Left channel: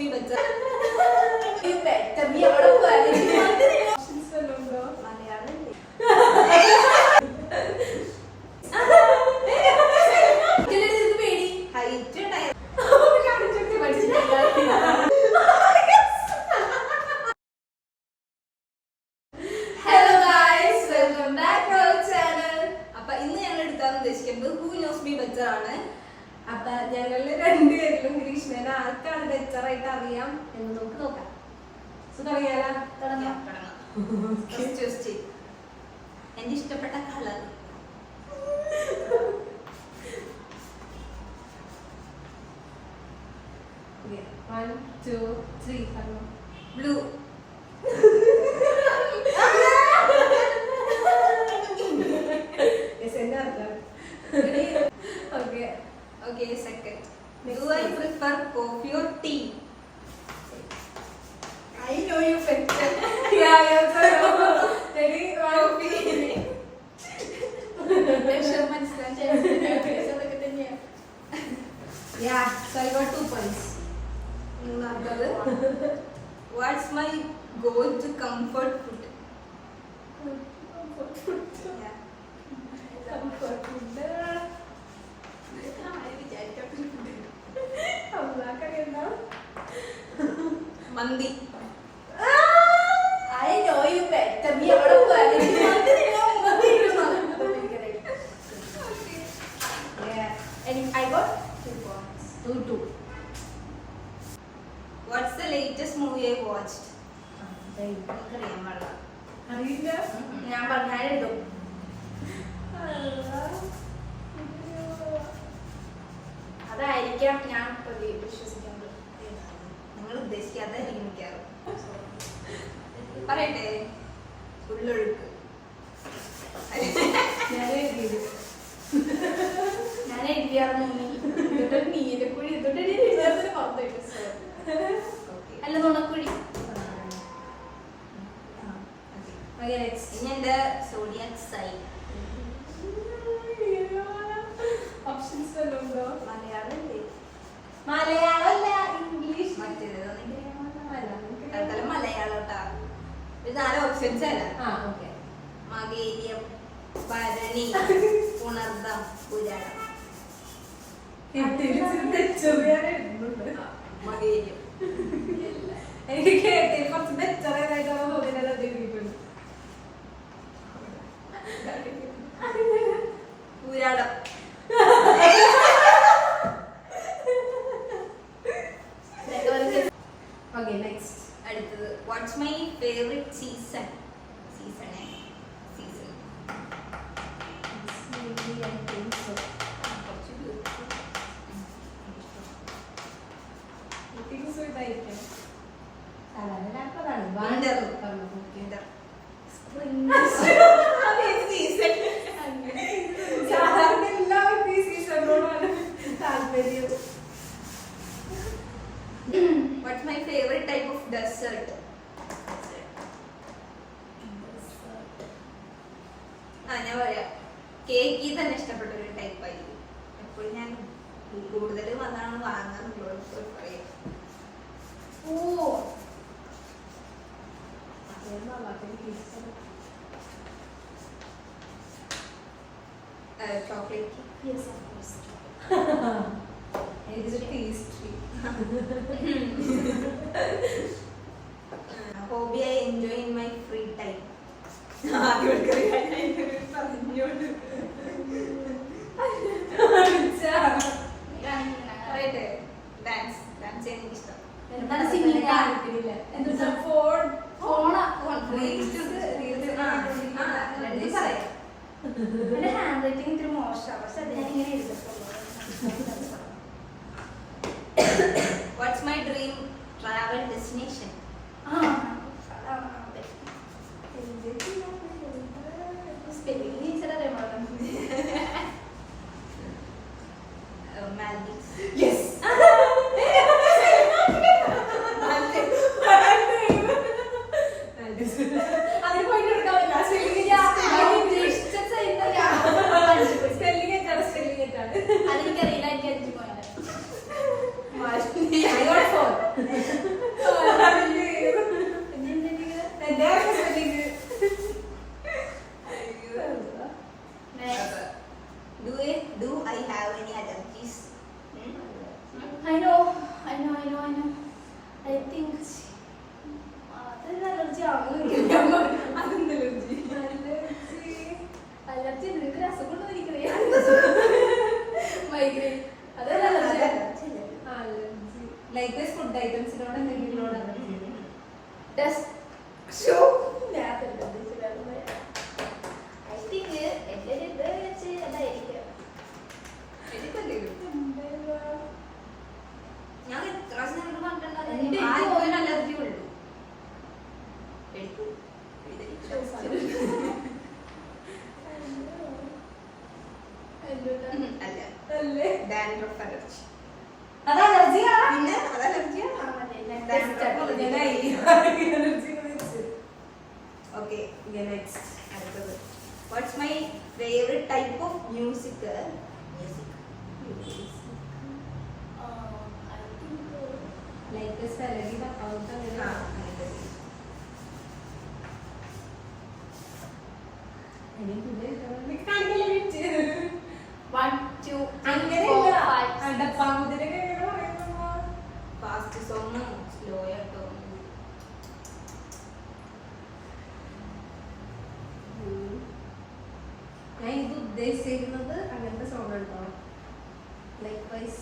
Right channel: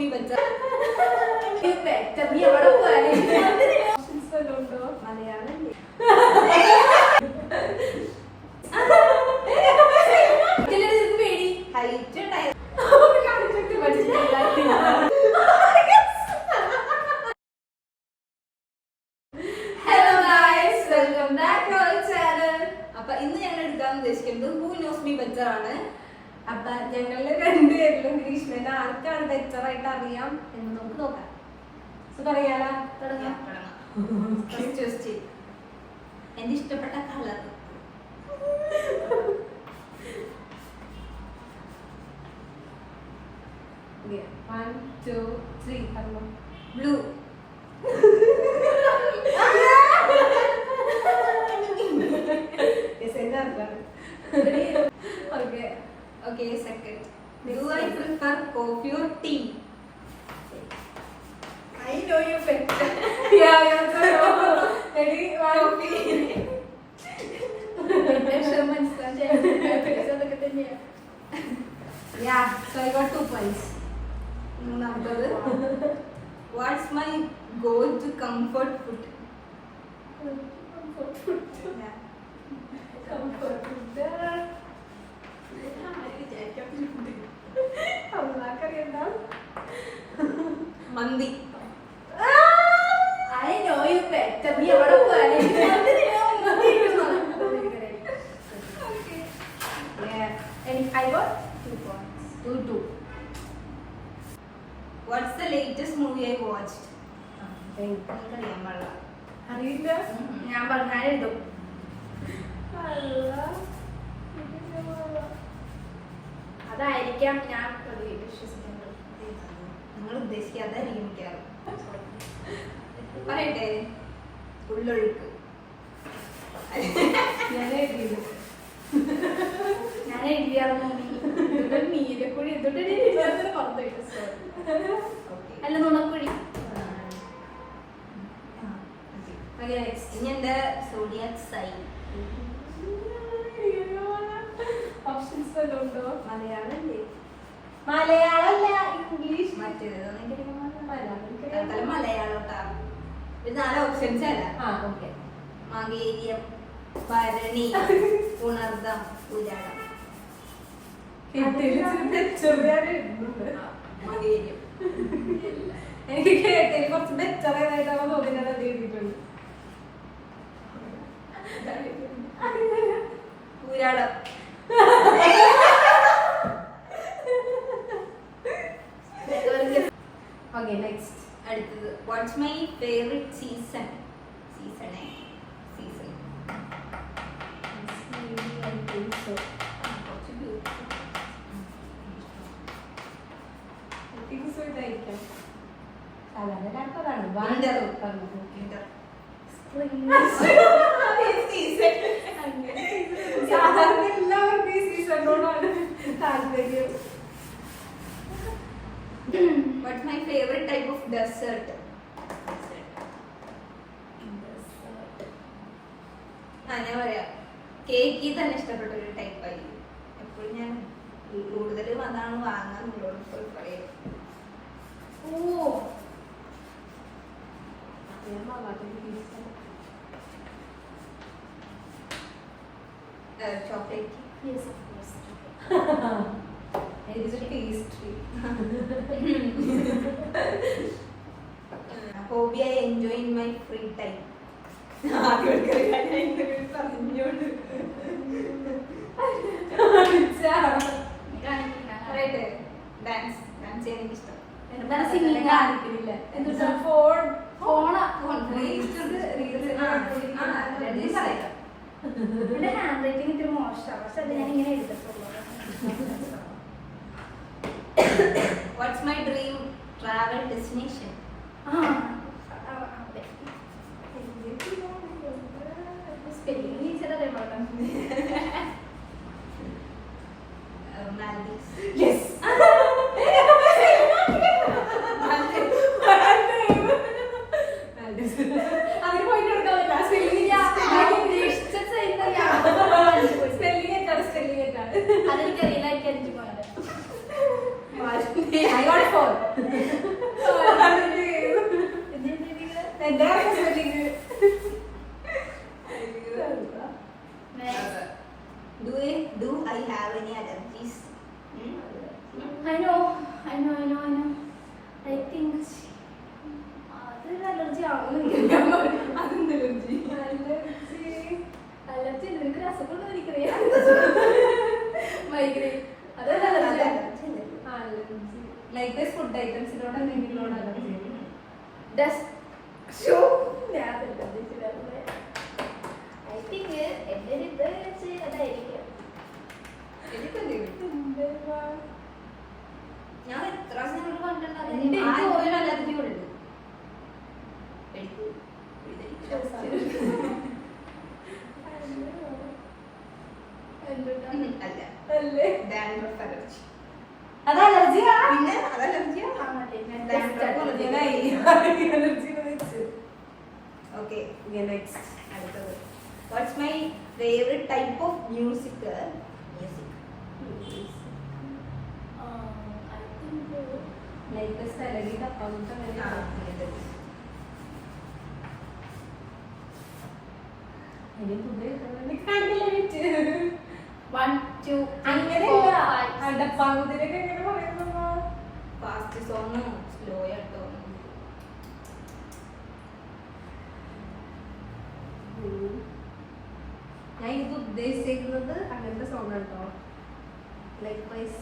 me better. നീ എവിടെ പോയി? മലയാളം പേടി ഹൈറ്റ് hello guys, welcome back to our channel. അപ്പൊ ഇന്ന് ഞങ്ങൾ എടുക്കാൻ ഉദ്ദേശിക്കുന്നത് ഹൂ നോസ് മീ ബെറ്റർ ആണ്. അപ്പൊ ഞങ്ങള് രണ്ടുപേരിലും ഗ്രീഷ്മേനെ ആർക്കാണ് ബെറ്റർ ആയിട്ട് അറിയാം എന്ന് നമുക്ക് നോക്കാം. തുടങ്ങിയാലോ? തുടങ്ങാം. എന്റെ ഇഷ്ടപ്പെട്ട colour One, two, three. Blue. Okay, second. Do I prefer coffee or tea? I know you better. Yeah, I also know. Ready? Coffee. Yeah, so I got 2 points. മൂന്നാമത്തത് What's my go-to comfort food? Yeah. Comfort food. Mandi. I know you better. നീ എവിടെ പോയി? I got 2 points. 2. What's the latest movie I watched? എനിക്കറിയാൻ പാടില്ല. അറിയില്ല. ഞാൻ പറഞ്ഞാൽ എഴുതും. അതായിരിക്കാം ഞാൻ വിശ്വസിക്കുന്നത്. നിങ്ങൾ ഉദ്ദേശിക്കാതായിരിക്കും മിക്കാറും. പറയട്ടെ, ഉള്ളൊഴുക്ക്. ഞാൻ എഴുതിയായിരുന്നു നീലക്കുഴി അല്ല നുണക്കുഴി. ഇനി എന്റെ സോഡിയാക് സൈൻ. ഓപ്ഷൻസ് വല്ലതും ഉണ്ടോ? മലയാളം മലയാളമല്ല, ഇംഗ്ലീഷ്. മറ്റേത് മലയാളോട്ടാ. ഒരു 4 ഓപ്ഷൻസ് അല്ല. മകേരിയം, ഭരണി, ഉണർദം, പുരാണം. മകേരിയം. എനിക്ക് കേട്ടതിൽ കുറച്ച് ബെറ്റർ ആയിട്ടാണ് തോന്നിയത്. പുരാണം. Okay, next. അടുത്തത് what's my favourite season? Season ഇതായിരിക്കും സാധാരണ എല്ലാവർക്കും ഈ സീസണിനോടാണ് താല്പര്യം. What's my favorite type of dessert? ഞാൻ പറയാം, കേക്ക് തന്നെ ഇഷ്ടപ്പെട്ട ഒരു ടൈപ്പ് ആയിരിക്കും. എപ്പോഴും ഞാൻ കൂടുതലും അതാണ് വാങ്ങാനുള്ളൂ. പറയാം chocolate. Yes, of course. It is a pastry. Hobby I enjoy in my free time. Dance ചെയ്യാൻ എനിക്ക് ഇഷ്ടം. ഹാൻഡ് റൈറ്റിംഗ് ഇത്തിരി മോശമാണ്, പക്ഷെ അത് ഞാൻ ഇങ്ങനെ എഴുതത്തുള്ളൂ. What's my dream travel destination? Spelling ടീച്ചറല്ലേ Maldives. Yes. അതിന് പോയിട്ട് എടുക്കാറില്ല. സ്പെല്ലിംഗ് അതെനിക്കറിയില്ല. I got 4. എന്റെ spelling. Do I have any allergies? I know. I think അതൊരു അലർജി ആവുന്നു. അതെന്ത് allergy? അലർജി നിനക്ക് അസുഖം എനിക്കറിയാം. മൈഗ്രെയിൻ അതൊരു അലർജി. അലർജി ലൈക്ക് ഫുഡ് ഐറ്റംസിനോട് എന്തെങ്കിലും അലർജി. ഡസ്റ്റ് ഷൂ ഞാൻ ഐ തിങ്ക് എൻ്റെ ഒരു ഇത് വെച്ച് അതായിരിക്കും. ഞാൻ എത്ര പ്രാവശ്യം നിങ്ങളോട് പറഞ്ഞിട്ടുണ്ടായിരുന്നു എന്റെ ആർക്കും അലർജി ഉള്ളു. അല്ല അല്ലേ ഡാൻഡ്രഫ് അലർജി. അത് അലർജിയാ. പിന്നെ അത് അലർജിയാ. ഓക്കെ അടുത്തത് what's my favourite type of music? Like സലഡി തപ്പാവുന്ന ഫാസ്റ്റ് സോങ് സ്ലോ ആട്ടോ. ഞാൻ ഇത് ഉദ്ദേശിക്കുന്നത് അങ്ങനത്തെ സോങ് ഉണ്ടോ ലൈക്ക് വൈസ്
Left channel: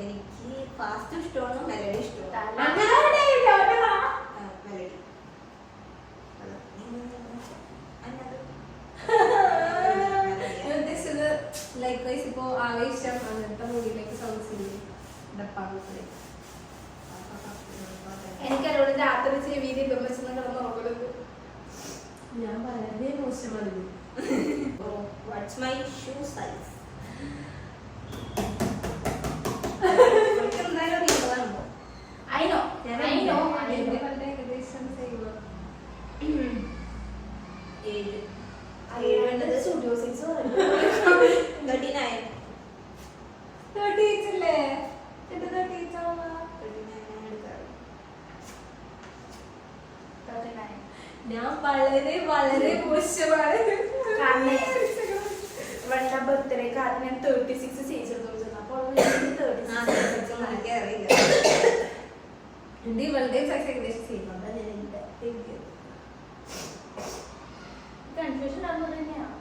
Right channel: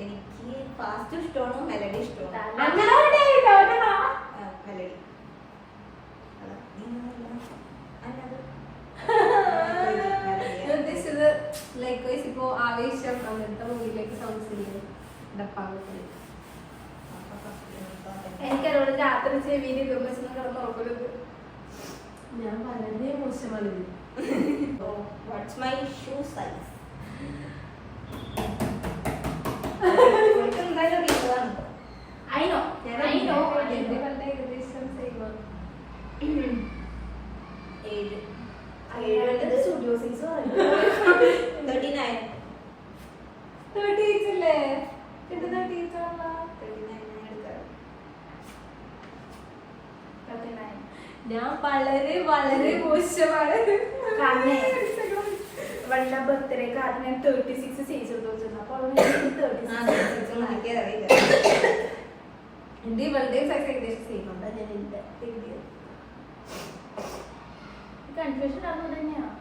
എനിക്ക് ഫാസ്റ്റ് ഇഷ്ടമാണ്, മെലഡി ഇഷ്ടമാണ്. മെലഡി ഉദ്ദേശിച്ചത് ലൈക്ക് വൈസ് ഇപ്പോ ആവേശം അങ്ങനത്തെ മൂവിയിലേക്ക് സോങ്സ് ഇല്ലേ ഡപ്പാങ്ങ. എനിക്കതോട് രാത്രി ചെവിയിൽ ഇതും വെച്ചൊന്നും കിടന്ന് ഉറങ്ങരുത്. ഞാൻ വളരെ മോശമാണ് ഇത്. What's my shoe size? എന്തായാലും അറിയുന്നതാണ്. എന്റെ കണ്ട ഏകദേശം സെയിം. 7 studio size 39. 38 അല്ലേ? എന്റെ 38 ആണോ? 39 എടുക്കാറ്. ഞാൻ വളരെ വളരെ മോശമാണ്. വണ്ട ബർത്ത്ഡേ കാരണം ഞാൻ 36 സൈസ് എടുത്തു വെച്ചിരുന്നു. അപ്പോൾ അറിയില്ല. എന്റെ ഇവളുടെ സൈസ് ഏകദേശം ചെയ്യുന്നുണ്ട്. ഞാൻ എന്റെ കൺഫ്യൂഷൻ ആകുന്നത് തന്നെയാണ്.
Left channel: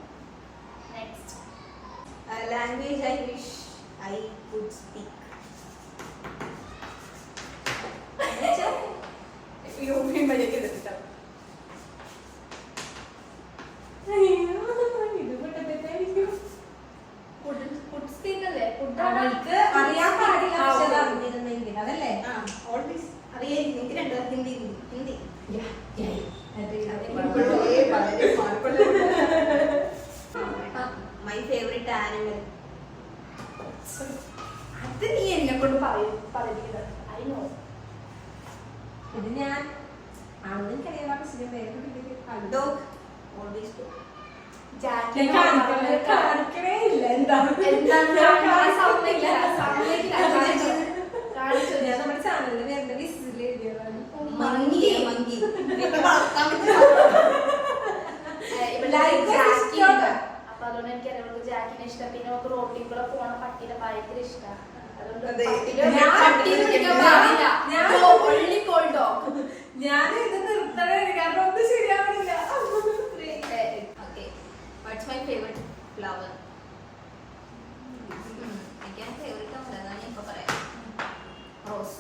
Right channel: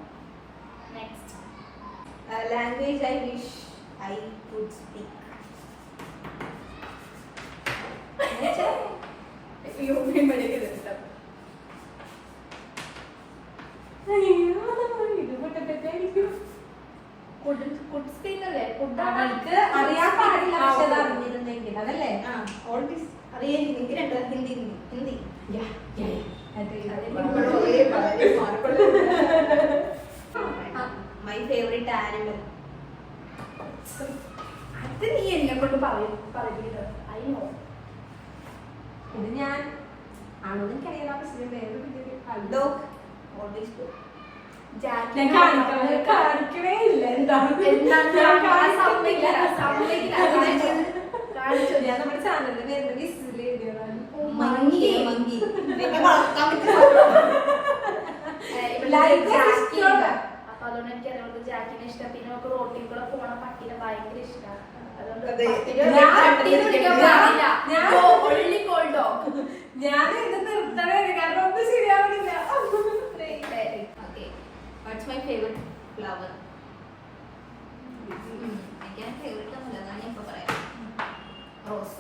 Next language I wish I could speak. അവൾക്ക് അറിയാൻ പാടില്ല, പക്ഷെ അത് അറിഞ്ഞിരുന്നെങ്കിൽ അതല്ലേ. ഓൾവേസ് അറിയായിരിക്കും. എനിക്ക് രണ്ടു ഹിന്ദി. My favourite animal? അത് നീ എന്നെ കൊണ്ട് പറയുന്നത്. അയ്യോ ഇത് ഞാൻ ആണെന്ന് എനിക്കറിയാം, പക്ഷെ വേറെ ഡോഗ്. Always dog. കാണിക്കണേ ഇല്ല. ഞാൻ നമ്മുടെ ചാനലിൽ വരുന്ന വിസിൽ എഴുതിയതാണ്. മങ്കി. അപ്പൊ അതുകൊണ്ട് എനിക്ക് അറിയാം ജാക്കിനെ ഇഷ്ടം. പിന്നെ നമുക്ക് റോട്ടിൽ കൂടെ പോണ പട്ടിനെ ഭയങ്കര ഇഷ്ടമാണ്. ഞാൻ ഇത് നിർത്തണേ, കാരണം ഒന്നും ശരിയാവണില്ല. What's my favourite flower? എനിക്ക് ഫേവറേറ്റ് ഒന്നുമില്ല, ഞാൻ ഇപ്പൊ പറയാം. റോസ്.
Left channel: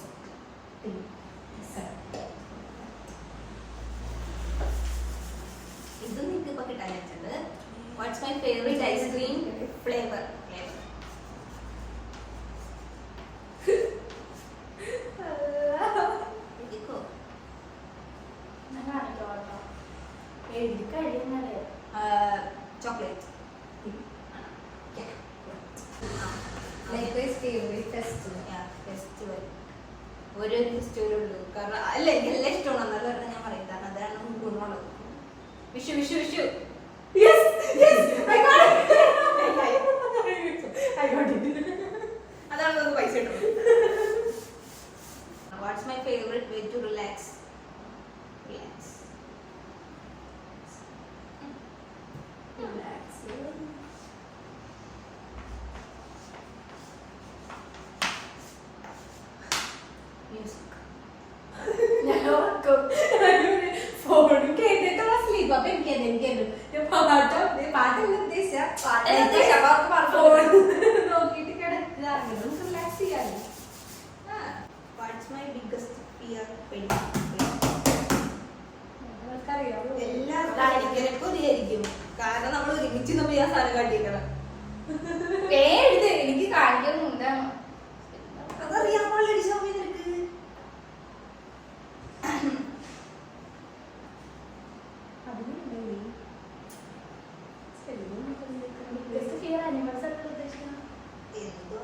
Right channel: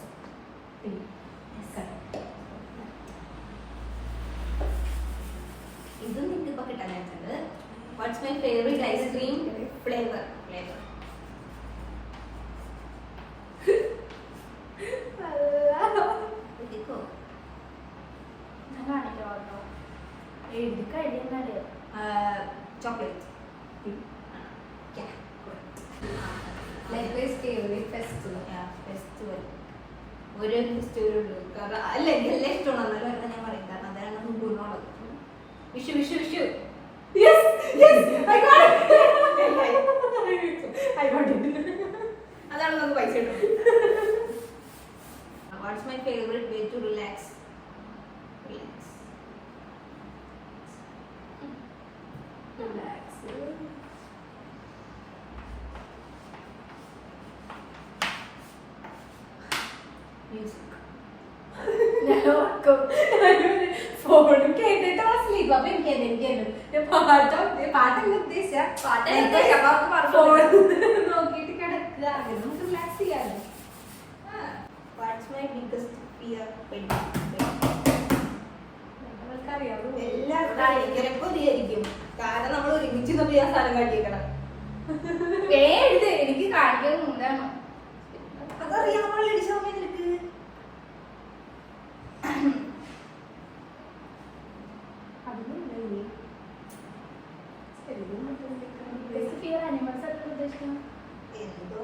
ഇത് നിങ്ങൾക്ക് ഇപ്പൊ കിട്ടാൻ വെച്ചത്. What's my favourite ice cream flavour? എഴുതി കഴിയുന്നല്ലേ ചോക്ലേറ്റ്. ഫെസ്റ്റിവൽ ഒരു ഫെസ്റ്റിവൽ ഉള്ളൂ. കാരണം അല്ല എനിക്ക് എല്ലാം ഇഷ്ടമാണ്, എന്നാലും പറഞ്ഞാൽ ഞാൻ പറയും, കാരണം അതാണ് ഗുണമുള്ളത്. വിഷു. ആയിക്കോട്ടെ. അതാണ് നമുക്ക് പൈസ കിട്ടുന്നത്. What's my favourite way to relax? Relax. Relax. Music. ഫോണിൽ കേട്ടിട്ട് സ്ലീപ്പ്. അപ്പൊ എനിക്ക് പാട്ടല്ല ഉദ്ദേശിച്ച ഫോൺ നോക്കിയിട്ട് കിടക്കുക. അങ്ങനെ നമുക്ക് റിലാക്സ് ചെയ്യാമല്ലോ. What's my biggest fear? നമ്മൾക്കറിയാം എല്ലാവർക്കും ഒരേയിരിക്കും. കാരണം നമ്മൾ ഒരുമിച്ച് നമ്മൾ ആ സാധനം കാട്ടിയേക്കണം. എനിക്ക് കാണിക്കാൻ എന്താണ് അതറിയാമല്ലോ അടിച്ച സമയം നിനക്ക്. അനിമൽസ് ഒക്കെ ഉദ്ദേശിക്കണം. എന്തോ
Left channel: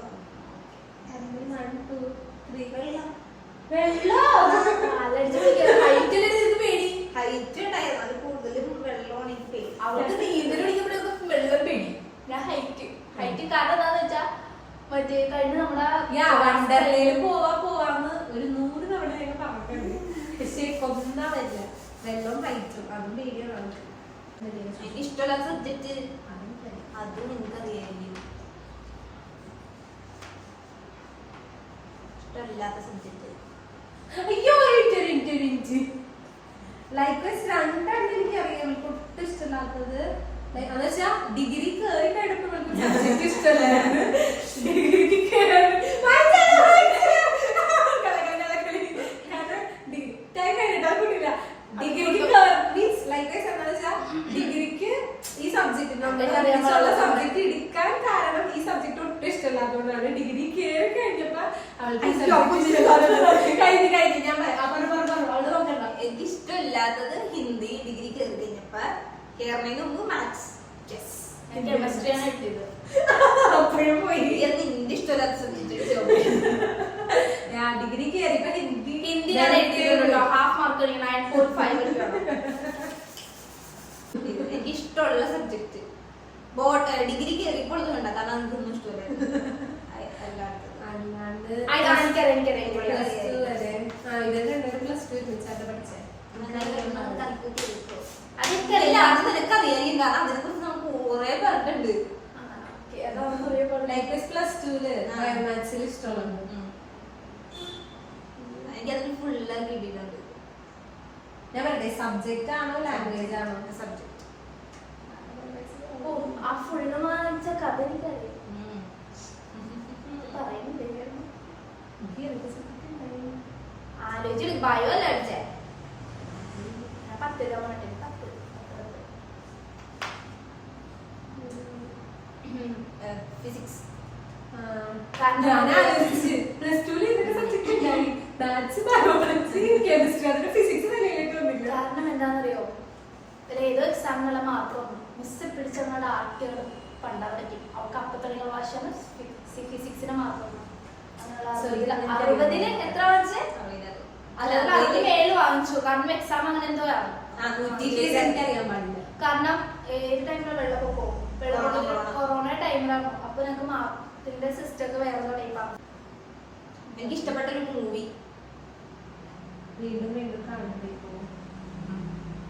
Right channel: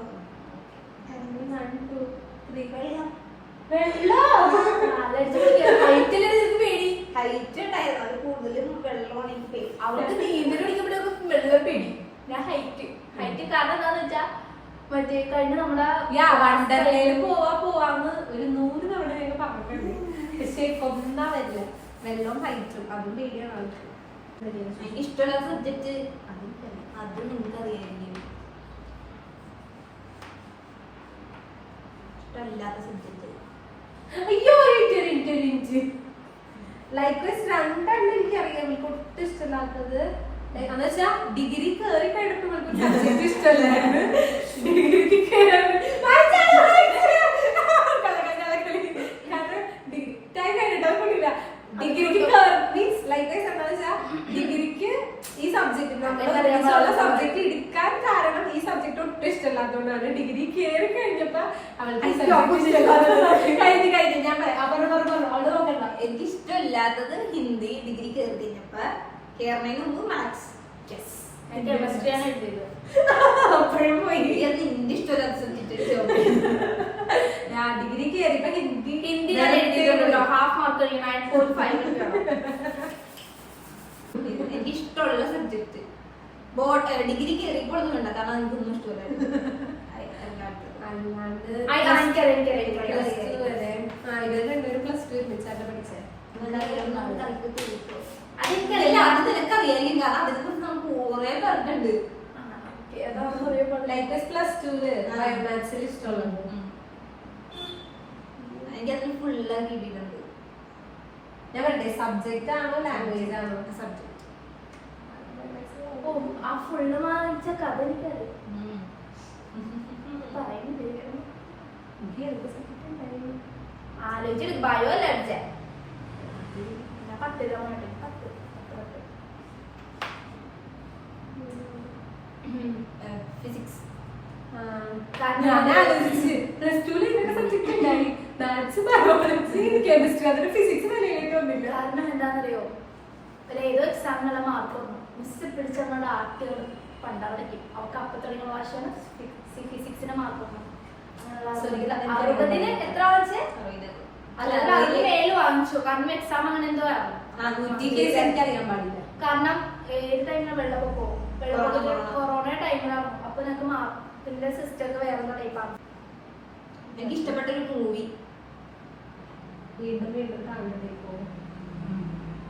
ഹൈറ്റ് ഉണ്ടായിരുന്നു. അത് കൂടുതലും വെള്ളമാണ് എനിക്ക് പേടി. അവർക്ക് നീന്തൽ പിടിക്കുമ്പോഴൊക്കെ വെള്ളം പേടി. ഞാൻ ഹൈറ്റ് കാരണം എന്താന്ന് വെച്ചാ മറ്റേ കഴിഞ്ഞ നമ്മുടെ വണ്ടർലയിൽ പോവാന്ന് ഒരു 100 തവണ ഞങ്ങൾ പറഞ്ഞിട്ടുണ്ട്. പക്ഷെ കൊന്നാ വരില്ല. വെള്ളം ഹൈറ്റും അതും പേടിയാണ് ആൾക്ക്. എനിക്ക് ഇഷ്ടമുള്ള സബ്ജക്ട് അത് നിങ്ങൾക്കറിയായിരിക്കും. ഇഷ്ടമില്ലാത്ത സബ്ജക്ട് അയ്യോ ലൈക്വൈസ് രണ്ടെണ്ണം എനിക്ക് അറിയാം. എനിക്ക് ഒട്ടും ഇഷ്ടമില്ലാത്തത് എന്ന് വെച്ചാ ഡിഗ്രി കയറി കഴിഞ്ഞപ്പോൾ സബ്ജക്ട് ഇഷ്ടമല്ലായിരുന്നു. ഡിഗ്രിക്ക് ഡിഗ്രിക്ക് മീൻസ് ലൈക്വൈസ് എന്താണെന്ന് വെച്ചാൽ ഡിഗ്രിക്ക് ഈ സബ്ജക്ട് നമ്മളുള്ള സബ്ജക്ട് എടുക്കാൻ കാരണം ഈ സബ്ജക്ട് ഒട്ടും ഇഷ്ടമല്ലാത്തതുകൊണ്ടാണ്. ഡിഗ്രി കയറി കഴിഞ്ഞപ്പോ കഴിഞ്ഞ് ഞാൻ അവള് നോക്കണ്ട. എനിക്ക് ഇഷ്ടമില്ലാത്തത് ഹിന്ദി. ഡിഗ്രി കയറി കഴിഞ്ഞപ്പോ കേരളത്തിന് മുമ്പ് മാത്സ്. കെമിസ്ട്രിയാണ് കിട്ടിയത്. അപ്പോഴും പോയി. അത് ഹിന്ദി ഇഷ്ടമില്ലാത്ത സബ്ജക്ട്. ഞാൻ ഡിഗ്രി കയറിയപ്പോ ഹിന്ദി ഹാഫ് മാർക്ക് 9.5 എനിക്ക് ഇഷ്ടമുള്ള സബ്ജക്ട് ഡിഗ്രി കയറിയപ്പോൾ അത് വേണ്ട. കാരണം എനിക്കൊന്നും ഇഷ്ടമില്ലായിരുന്നു. അല്ലാണ്ട് പ്ലസ് 2 ഒരുമിച്ചായിട്ട് പഠിച്ചേ. നിനക്കറിയാം. കാരണം അതിനെ കുറിച്ച് നമുക്ക് കുറെ പറഞ്ഞിട്ടുണ്ട്. ലൈക്വൈസ് പ്ലസ് 2 ബയോമാത്സിൽ ഇഷ്ടമുള്ളത്. എനിക്കതിന് ഫുള്ളായി കിട്ടിയിട്ടുണ്ട്. ഞാൻ പറയട്ടെ സബ്ജക്റ്റ് ആണോ ലാംഗ്വേജ് ആണോ? സബ്ജക്ട്. ആ ഫുള്ള് വാങ്ങിച്ച കഥ എനിക്കറിയാം. ആലോചിച്ചിട്ട് ബയോ അല്ല അടിച്ചേ. ഞാൻ 10 ഫിസിക്സ്. ഞാൻ ആലോചിച്ച് പ്ലസ് 2 സബ്ജക്ട് ഉണ്ടായി. മാത്സ് ബയോളജി കെമിസ്ട്രി അതിന് ഫിസിക്സ് വിലയിലേക്ക് വന്നില്ല. കാരണം എന്താണെന്നറിയോ, ഏതോ എക്സാമിനുള്ള മാർക്ക് വന്നു. മിസ് പിടിച്ചവരുടെ ആർട്ടുകൾ പണ്ടാൻ പറ്റും. അവർക്ക് അപ്പൊ തുടങ്ങിയ ഭാഷയാണ് ഫിസിക്സിന്റെ മാർക്ക് വന്നു. 60-ന് എത്ര വാങ്ങിച്ചേ? അല്ല 67 വാങ്ങിച്ചു. കാരണം എക്സാം അങ്ങനെ എന്തോ ആയിരുന്നു. എനിക്കറിയാൻ പാടില്ല. കാരണം ഏത് ടൈമിലാണ് വെള്ളപ്പൊക്കവും കൊറോണ ടൈമിലാണ്. അപ്പൊ ഞങ്ങൾക്ക് മാർക്കിന്റെ സിസ്റ്റം ഒക്കെ വേറെ ടൈപ്പാണ്. എനിക്ക് ഇഷ്ടപ്പെട്ട ഒരു മൂവി വീണ്ടും കാണണ്ടേ ഇപ്പോ?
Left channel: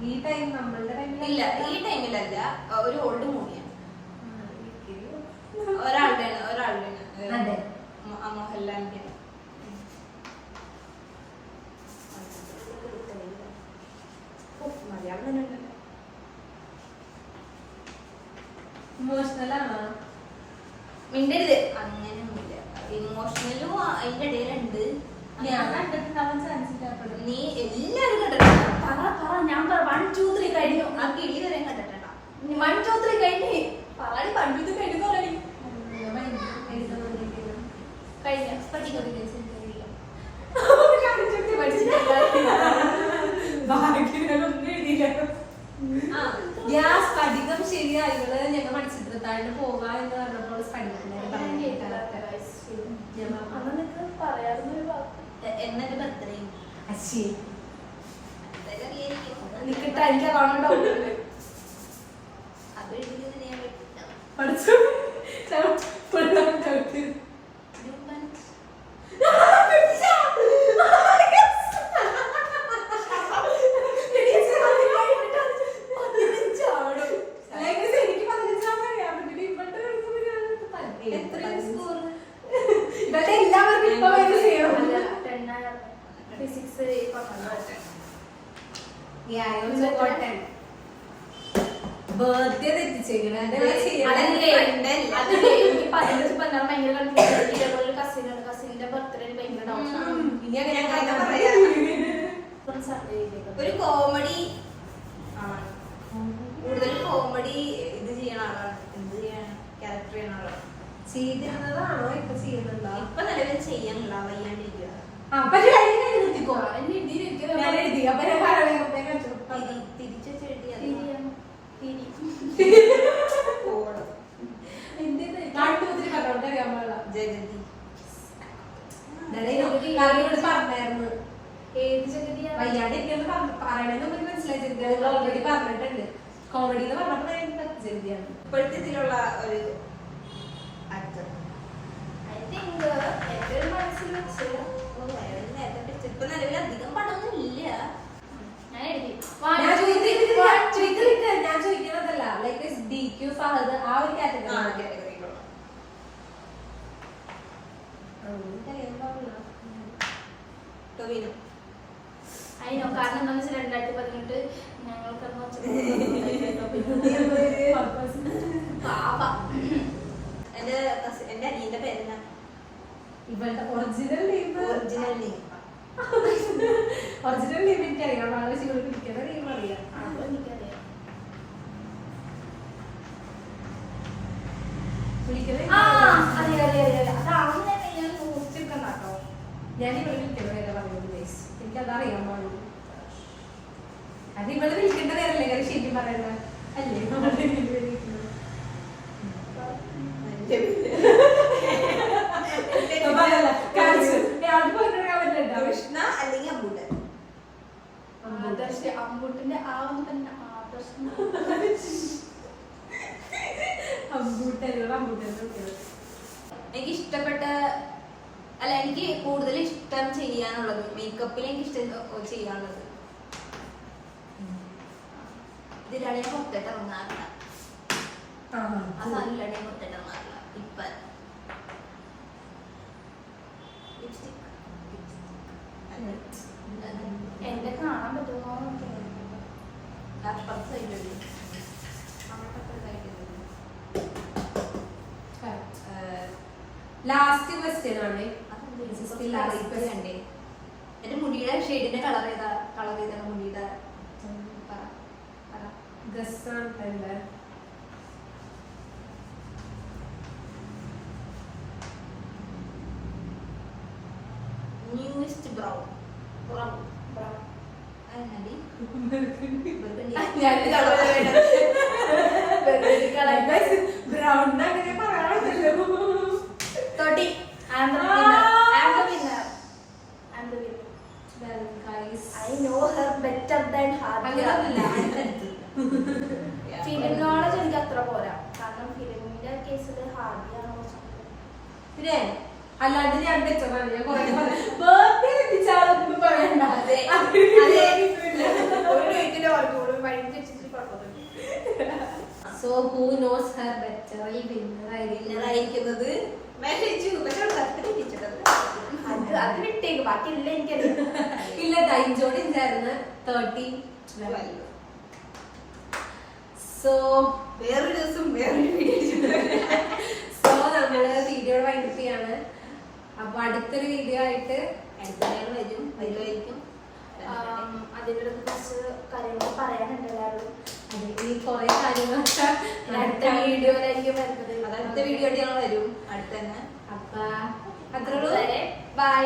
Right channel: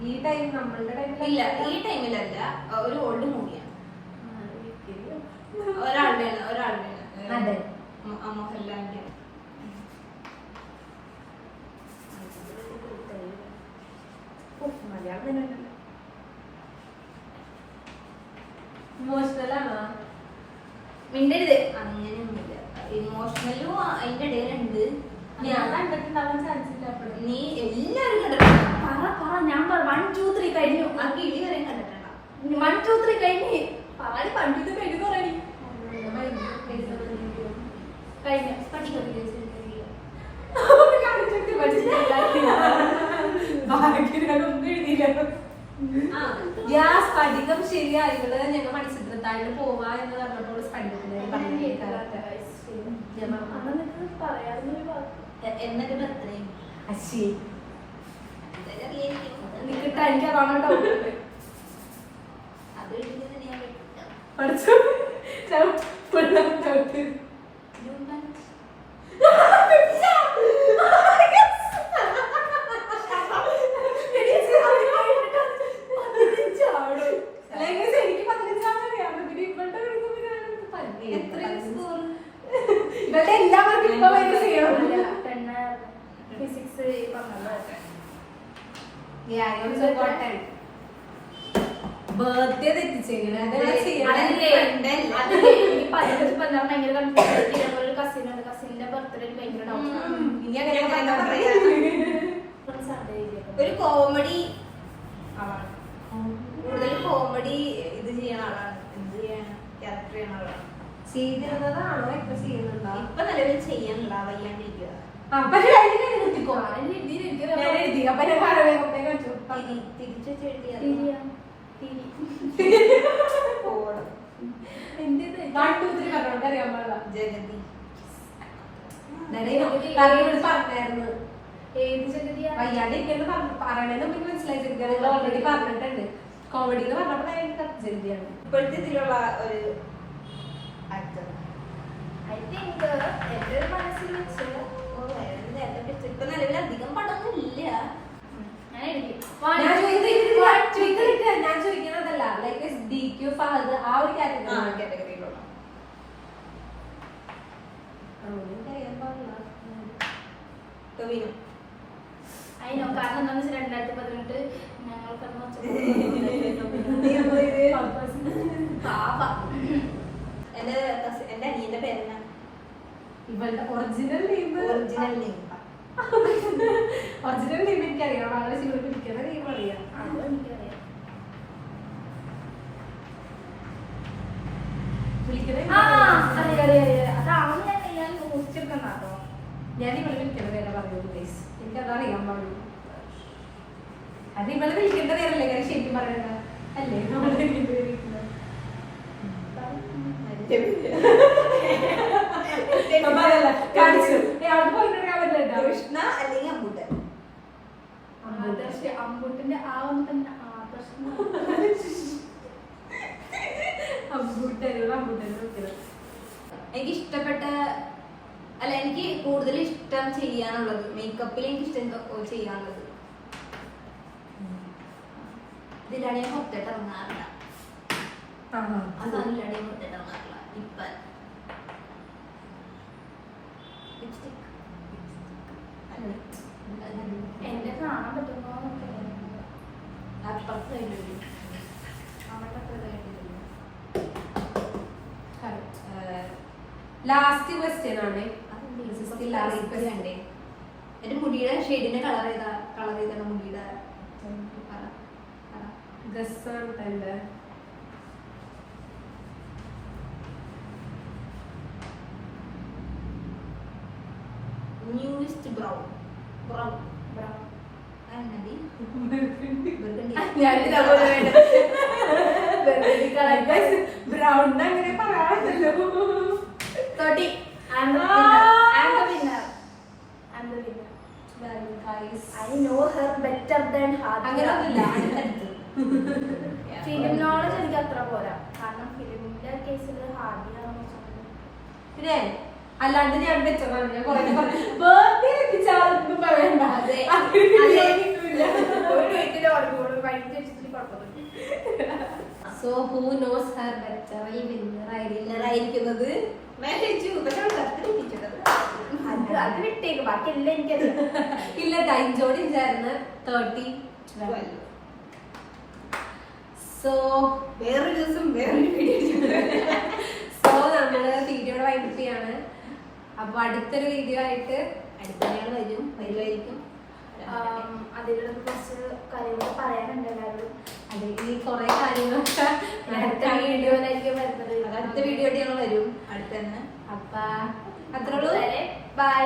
ഈ ടൈം നമ്മളുടെ ടൈമിൽ ഇല്ല. ഈ ടൈമിലല്ല. ഒരു ഓൾഡ് മൂവിയാണ്. ഒരാളുടെയാണ് അതെ. മോഹൻലാലിന്റെ. മലയാളം തന്നെ ഇമോഷണൽ ആണോ? മിണ്ടരുത്. അങ്ങനെയൊന്നുമില്ല. ഇമോഷണലും അതിന്റെ ഇടയിലുണ്ട്. ഞാൻ കണ്ടിട്ടുണ്ടാവാൻ ചാൻസ് ഇല്ല. നീ എല്ലാവരും കണ്ടിട്ടുണ്ടോ? പറ ഞാൻ 1, 2, 3 കഴിഞ്ഞു. ആ കിളി വരെ കണ്ടിട്ടുണ്ടോ? 1, 2, 3 കഴിഞ്ഞു. പറയാടി 1, 2 കഴിഞ്ഞു പറയടി. കഴിഞ്ഞു. സ്ഫടികം ശരിയായുള്ള ഞങ്ങൾ മണിച്ചിത്രത്താഴിന് പോവാ എന്ന് പറഞ്ഞപ്പോൾ സ്ഫടികത്തിനെ എന്നിട്ട് ബർത്ത്ഡേ അശ്ശി നിൽക്കട്ടെ. എനിക്ക് അതാണ് ഡൗട്ട് ഉണ്ട്. അത് ഞാൻ പഠിച്ചു ഇവരുടെ എല്ലാവർക്കും ഇപ്പൊ വരെ ചെയ്യണം. ഫിസിക്സ് ബർത്ത്ഡേ തെറ്റിച്ചേക്കണേ അതെല്ലാം ചെയ്യണം. എനിക്ക് പതിനഞ്ച് പന്ത്രണ്ട് ഭയങ്കര കൺഫ്യൂഷൻ. ഇതേപോലെ ഒരു കസിനുണ്ട്, കസിന്റെ ബർത്ത്ഡേ ഭയങ്കര ഡൗട്ട്. ഇനി അങ്ങനെ പറയാ ഒരു കോമഡി ആളാണ്, കൂടുതൽ കോമഡി ഇത് ചെയ്യണ ആളാണ്, എന്ത് ചെയ്യണം ക്യാരക്ടർ ചെയ്യണ ആളാണ്. ചെയ്തിരുന്നതാണോ ഇപ്പൊ ചെയ്യുന്നുണ്ടോ? ഇപ്പൊ നിലവിൽ ചെയ്യാനില്ല, വയ്യാണ്ടിരിക്കുക. പക്ഷെ നിർത്തിക്കോ ഞാൻ എഴുതി അപ്പൊ ഞാൻ തിരിച്ചു അറിയാൻ പാടില്ല. ജഗതി പറഞ്ഞായിരുന്നു വയ്യാണ്ടിരിക്കുന്നു പറയണേന്ന് നമുക്ക് മനസ്സിലായി. ജഗതി ഓൾറെഡി പറഞ്ഞിട്ടുണ്ട്. കോമഡി എന്ന് പറഞ്ഞപ്പോ ജഗതിയാണ് ഇപ്പോഴത്തെ ഇതിലുള്ള ഒരു ആക്ടർ. എന്റെ മനസ്സിൽ വെച്ചില്ല. ഇപ്പൊ നിലവിൽ അധികം പടമൊന്നും ഇല്ല. ഞാൻ ചോദിക്കുന്നതല്ല ലൈക്ക് DQ ഫഹദ് ആ ഒരു കാറ്റഗറിയിലുള്ള ടൊവിനോ. അതിനോ കാരണം എന്താണെന്ന് വെച്ചാൽ 2018 എന്റെ അനിയന്റെ പേരെന്നാ? ഇവളുടെ original name original name original name എനിക്കറിയാം. വളരെ ശിവർക്ക് പിടിക്കുന്ന നെയിം അറിയാം. എനിക്കറിയാം. ഞാൻ ഇവളെ വിളിക്കേണ്ട പേരാ പറയുന്നത്. എനിക്കതറിയാൻ പാടുള്ളൂ. അത് ഇവളെ വിളിക്കേണ്ട പേരല്ലേ കാര്യം ശരിക്കും പറയണ്ട അല്ലേ? കൃഷ്ണ അല്ലെങ്കിൽ അമ്പൂട്ടൻ. അമ്പൂട്ടിന്റെ ആ ഒന്ന് തന്നെ എനിക്ക് ഇഷ്ടപ്പെട്ട അല്ല, എനിക്ക് കൂടുതൽ ഇഷ്ടം ചെയ്യാനുള്ളത് മേക്കപ്പിൽ എനിക്ക് ഇഷ്ടം ചെയ്യാനുള്ളത് ഇതിലാണ് ഞാൻ പുറത്തിട്ട് ഇറങ്ങാറില്ല. ആ സാധനമില്ലാണ് ഞാൻ പുറത്തിട്ട് ഇറങ്ങാറില്ല. ഇപ്പൊ ലിപ്സ്റ്റിക് എന്റെ കാണാൻ പറ്റുമോ? അപ്പുറത്ത് സൈഡിലുണ്ട്, അവിടുത്തെ സൈഡിലുണ്ട്. ലാസ്റ്റ് ക്വസ്റ്റ്യൻ ആണ്. കണ്ടേ എന്റെ മുടിയുടെ ഷെയ്ഡിന്റെ കളർ ചെയ്താണ് മുടിയുടെ ഗസ്സാണ്. ന്യൂസ്റ്റ് ബ്രൗൺ ബ്രൗൺ ബ്രൗൺ ബ്രൗൺ അങ്ങനെ പറയാമല്ലോ. I know her better than film knowledge എനിക്ക് അത്ര പോരാ. കാരണം ഫിലിമിന്റെ കേസിൽ ഹാർഡിയാണ്. അല്ലാണ്ട് ഞാൻ വെച്ചതാണ്. ഞാൻ കുറെ ബർത്ത്ഡേ എത്തിച്ചാളൊന്നും പറയണ്ട. So who knows her better വിന്നറായിരിക്കുന്നത് അത് വിട്ടേക്ക്. ബാക്കി എല്ലാം എനിക്കറിയാം. ഇല്ല ടൈംജോടി ചേർന്ന് 30. സോ വേറൊരു ദിവസം വേറൊരു വീഡിയോ. സോ നമ്മള് വീഡിയോ വൈൻഡപ്പ് ചെയ്യാണ്. അപ്പൊ അടുത്തൊരു വീഡിയോ ആയിട്ട് വരുമായിരിക്കും. അതിലൊക്കെ കുറച്ച് കാര്യങ്ങളൊക്കെ പറയാനുണ്ട് എല്ലാവരും. അതെ, ഈ കുറെ കാര്യങ്ങളൊക്കെ അടുത്ത വീഡിയോയിലായിരിക്കും വരുന്നത്. അടുത്ത വീഡിയോ ആയിട്ട് ഞങ്ങൾ വരും അടുത്ത് തന്നെ. അപ്പൊ അത്രയുള്ളൂ. ബൈ.